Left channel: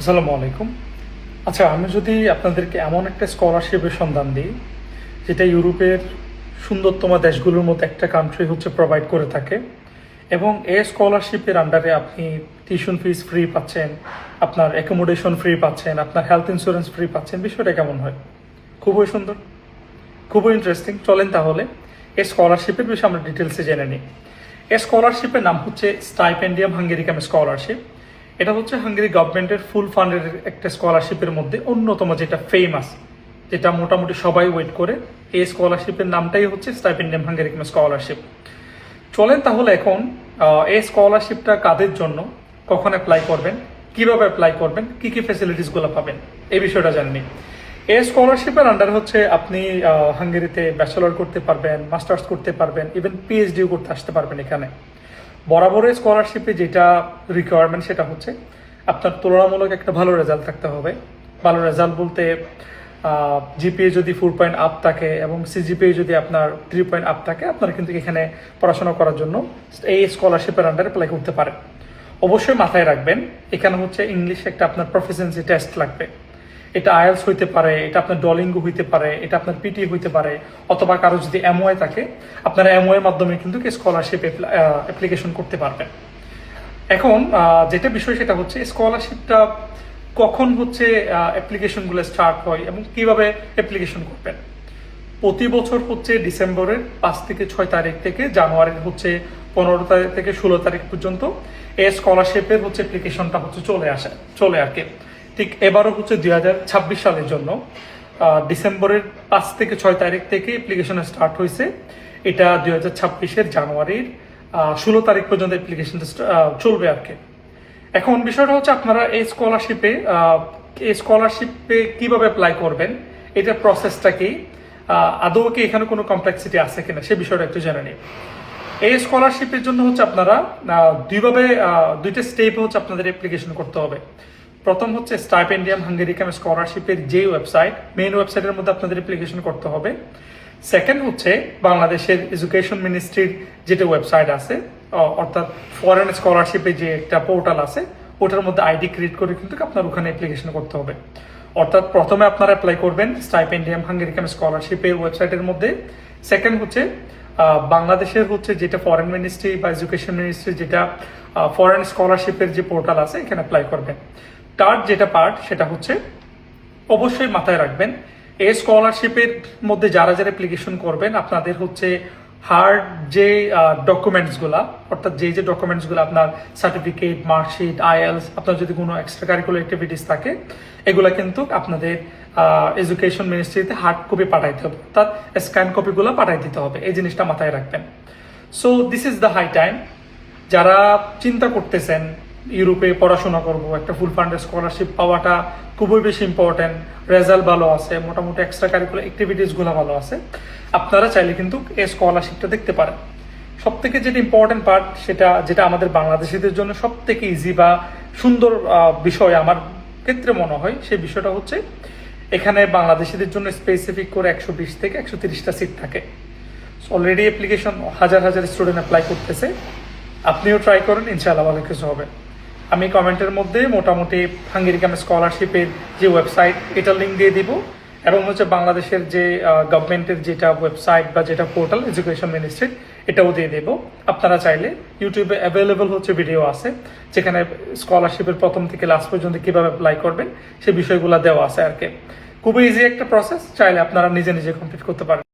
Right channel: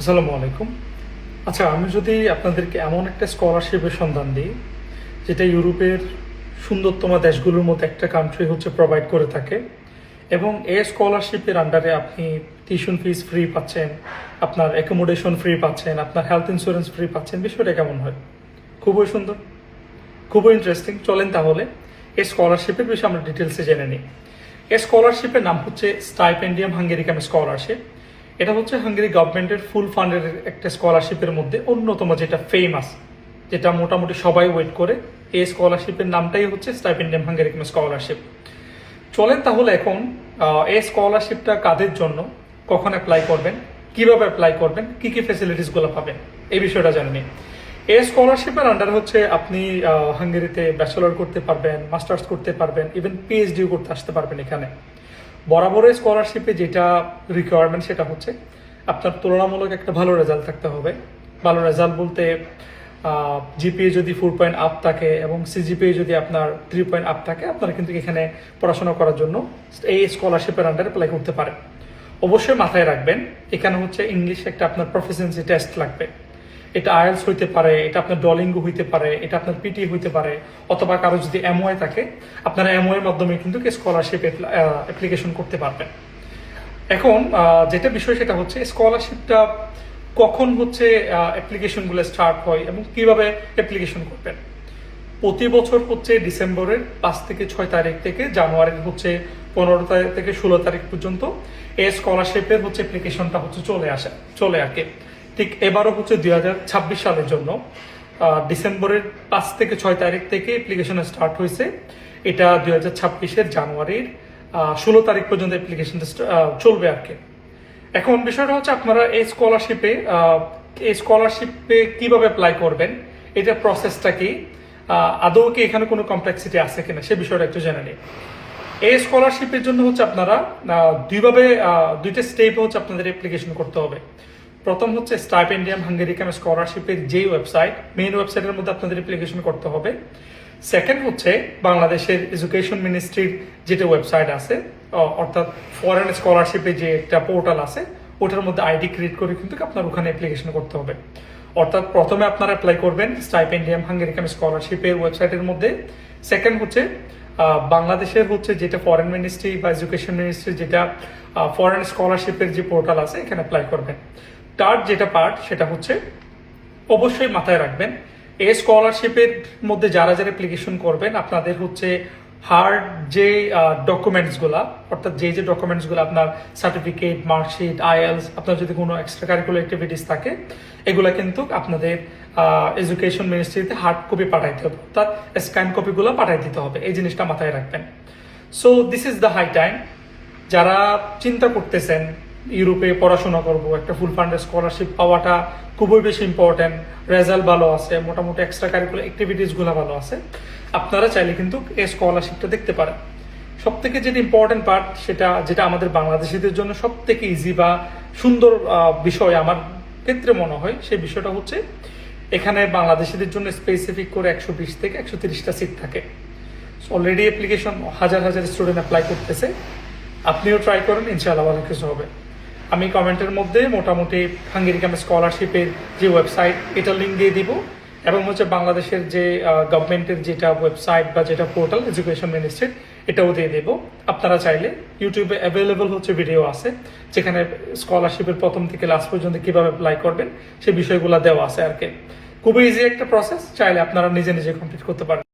আসসালামু আলাইকুম। আচ্ছা আমি যদি আপনাদেরকে এমন একটা স্কলারশিপের সন্ধান দিই, যেটা ইউরোপের সুন্দরতম দেশগুলোর মধ্যে একটা কান্ট্রি হচ্ছে প্রোভাইড করে থাকে, এবং এই স্কলারশিপের আন্ডারে আপনি টিউশন ফিস ফ্রি পাচ্ছেন, আপনার অ্যাকোমোডেশন ফ্রি পাচ্ছেন, আপনার হেলথ ইন্স্যুরেন্স ফ্রি পাচ্ছেন, বিষয়টা কেমন হয়? খুবই সুন্দর, খুবই ইন্টারেস্টিং চলেন তাহলে এই স্কলারশিপের বিষয়ে আমরা ডিটেলসে জেনে নিই। এই স্কলারশিপের নাম হচ্ছে স্টাইপেন্ডিয়াম হাঙ্গেরিকাম স্কলারশিপ এটা হচ্ছে হাঙ্গেরি গভর্নমেন্টের ফুল ফান্ডের একটা স্কলারশিপের মধ্যে অন্যতম যেটা ফেমাস যেটা মোটামুটি সবাই ওয়েট করে। এই স্কলারশিপের নামটাই হচ্ছে স্টাইপেন্ডিয়াম হাঙ্গেরিকাম স্কলারশিপ চলেন তাহলে এখন এই স্কলারশিপটা কাদের জন্য, কখন অ্যাপ্লাই করবেন, কীভাবে অ্যাপ্লাই করবেন, কি কি ফেসিলিটিসগুলো পাবেন, এই বিষয়টা জানেনি এই স্কলারশিপের আন্ডার হচ্ছে আপনি হাঙ্গেরিতে ব্যাচেলর করতে পারবেন মাস্টার্স করতে পারবেন ইভেন পিএইচডিও করতে আসতে পারবেন এখানে। বরাবর স্কলারশিপে যেটা রিকোয়ারমেন্ট সেটা হচ্ছে, আপনার তুলনামূলক একটা ভালো রেজাল্ট থাকতে হবে। ভালো রেজাল্ট বলতে জিপিএ যদি ফোর পয়েন্ট আপ থাকে এবং সিজিপিএ যদি আপনার থ্রি পয়েন্ট আপ থাকে, আপনারা কিন্তু এখানে পড়াশোনা করার জন্য এই স্কলারশিপের আন্ডারে অ্যাপ্লাই করতে পারেন। অবশ্যই মাথায় রাখবেন, এখানে হচ্ছে ইংলিশ একটা আপনার প্রফিসিয়েন্সি টেস্ট লাগবে। এটা আয়ালস হইতে পারে, এটা আপনার ডলিঙ্গো হইতে পারে, এটা আপনার পিটি হইতে পারে, অথবা কারও যদি এমওআই থাকে, আপনারা এমওআই মাধ্যমে কিন্তু স্কলারশিপ অ্যাপ্লিকেশন করতে পারবেন। এখন যেটা বিষয় সেটা হচ্ছে স্কলারশিপটা কখন হচ্ছে অ্যাপ্লিকেশনগুলো স্টার্ট হয় এবং কীভাবে অ্যাপ্লিকেশন করবেন। প্রতি বছর হচ্ছে ডিসেম্বরের পাঁচ থেকে ছয় তারিখ থেকে জানুয়ারির হচ্ছে পনেরো তারিখ থেকে ষোলো তারিখ পর্যন্ত এই স্কলারশিপের হচ্ছে অ্যাপ্লিকেশনটা হচ্ছে চলে আসে, চলে আর কি। ঠিক এবারও হচ্ছে দুই হাজার ছাব্বিশ সালের জন্য। ডিসেম্বরের পাঁচ থেকে ছয় তারিখ থেকে অ্যাপ্লিকেশন স্টার্ট হয়েছে। এটা দুই হাজার ছাব্বিশের জানুয়ারির ষোলো তারিখ পর্যন্ত অ্যাপ্লিকেশনটা চলবে আর কি। এখন বিষয়টা হচ্ছে আপনারা এই স্কলারশিপে এই স্কলারশিপে কীভাবে অ্যাপ্লাই করবেন এটার প্রসেসটা কি আদৌ কি এখানে কোনো কমপ্লেক্সিটি আছে কিনা, সে বিষয়টা একটু জেনে নিই। এই স্কলারশিপের জন্য হচ্ছে আপনারা দুইভাবে দুইটা স্টেপ হচ্ছে আপনাদের অ্যাপ্লিকেশন করতে হবে। প্রথম হচ্ছে স্টাইপ স্টাইপেন্ডিয়াম হাঙ্গেরিকান স্কলারশিপের যে ওয়েবসাইট মেইন ওয়েবসাইটের মধ্যে আপনাদের অ্যাপ্লিকেশন করতে হবে। সেকেন্ড হচ্ছে বাংলাদেশের এডুকেশন মিনিস্ট্রির যেটা ওয়েবসাইট আছে অর্থাৎ ফরেন স্কলারশিপে যে একটা পোর্টাল আছে, ওটার মধ্যে আইডি ক্রিয়েট করে কিন্তু আপনার ওখানে অ্যাপ্লিকেশন করতে হবে। অর্থাৎ প্রথমে আপনারা অ্যাপ্লাই করবেন স্টাইপ স্টাইপেন্ডিয়াম হাঙ্গেরিকাম স্কলারশিপের ওয়েবসাইটের মধ্যে। সেকেন্ড হচ্ছে বাংলাদেশের হচ্ছে যেটা ফরেন মিনিস্ট্রি বা এডুকেশন মিনিস্ট্রি যেটা ফরেন স্কলারশিপের যে পোর্টাল আছে, এখানে অ্যাপ্লাই করবেন। থার্ড যেটা পার্ট সেটা হচ্ছে অবশ্যই মাথায় রাখবেন। এই স্কলারশিপের মধ্যে যারা যারা অ্যাপ্লিকেশন করবেন, আপনাদের হচ্ছে হার্ড যে ডকুমেন্টসগুলা অর্থাৎ যে যে ডকুমেন্টসগুলো আপনার সার্টিফিকেট মার্কশিট আইএলস আপনার যদি কোনো এক্সট্রা কারিকুলার অ্যাক্টিভিটিস থাকে, এগুলা কিন্তু আপনাদের এডুকেশন মিনিস্ট্রিতে হার্ড কপি পাঠাইতে হবে। অর্থাৎ স্ক্যান কপিগুলো পাঠাই দিতে হবে। এই জিনিসটা মাথায় রাখবেন। So this is the high time যারা চিন্তা করতেছেন ইউরোপে পড়াশোনা করব, একটা ফুল ফান্ডের স্কলারশিপ পাওয়াটা খুবই বেশি ইম্পর্টেন্ট রেজাল্ট ভালো আছে, মোটামুটি এক্সট্রা কারিকুলার অ্যাক্টিভিটিসগুলো ভালো আছে। আপনারা চাইলে কিন্তু এই স্কলারশিপটা দেখতে পারেন। সব থেকে যেটা ইম্পর্টেন্ট পার্ট সেটা যেটা আমাদের বাংলাদেশিদের জন্য সব থেকে ইজি বা সুন্দর বিষয় আমার ক্ষেত্রে মনে হয়, সেই বিষয়টা হচ্ছে এখানে বাংলাদেশিদের জন্য স্পেসিফিক করে একশো বিশ থেকে একশো তিরিশটা সিট থাকে। অলরেডি অ্যাপ্লিকেশন হাজার হাজার স্টুডেন্ট অ্যাপ্লাই করতেছে। আপনিও ট্রাই করেন, ইনশাআল্লাহ ভালো কিছু হবে। আমি কমেন্টের মধ্যে মোটামুটি হাঙ্গেরিকাম স্কলারশিপের যে ওয়েবসাইট এটার লিঙ্ক দিয়ে দিব। এবং হচ্ছে বাংলাদেশের যে গভর্নমেন্টের যেটা ওয়েবসাইট বা যেটা পোর্টাল এডুকেশন মিনিস্ট্রি এটাও দিয়ে দেব। আপনারা চাইলে ইউটিউবে অ্যাভেলেবল হচ্ছে ভিডিও আছে, যেখানে স্কলারশিপের প্রথম থেকে লাস্ট পর্যন্ত কীভাবে অ্যাপ্লাই করবেন সেই বিষয়গুলো দেওয়া আছে আর কি। খুবই ইজি একটা প্রসেস চাইলে আপনারা নিজে নিজে কমপ্লিট করতে পারেন।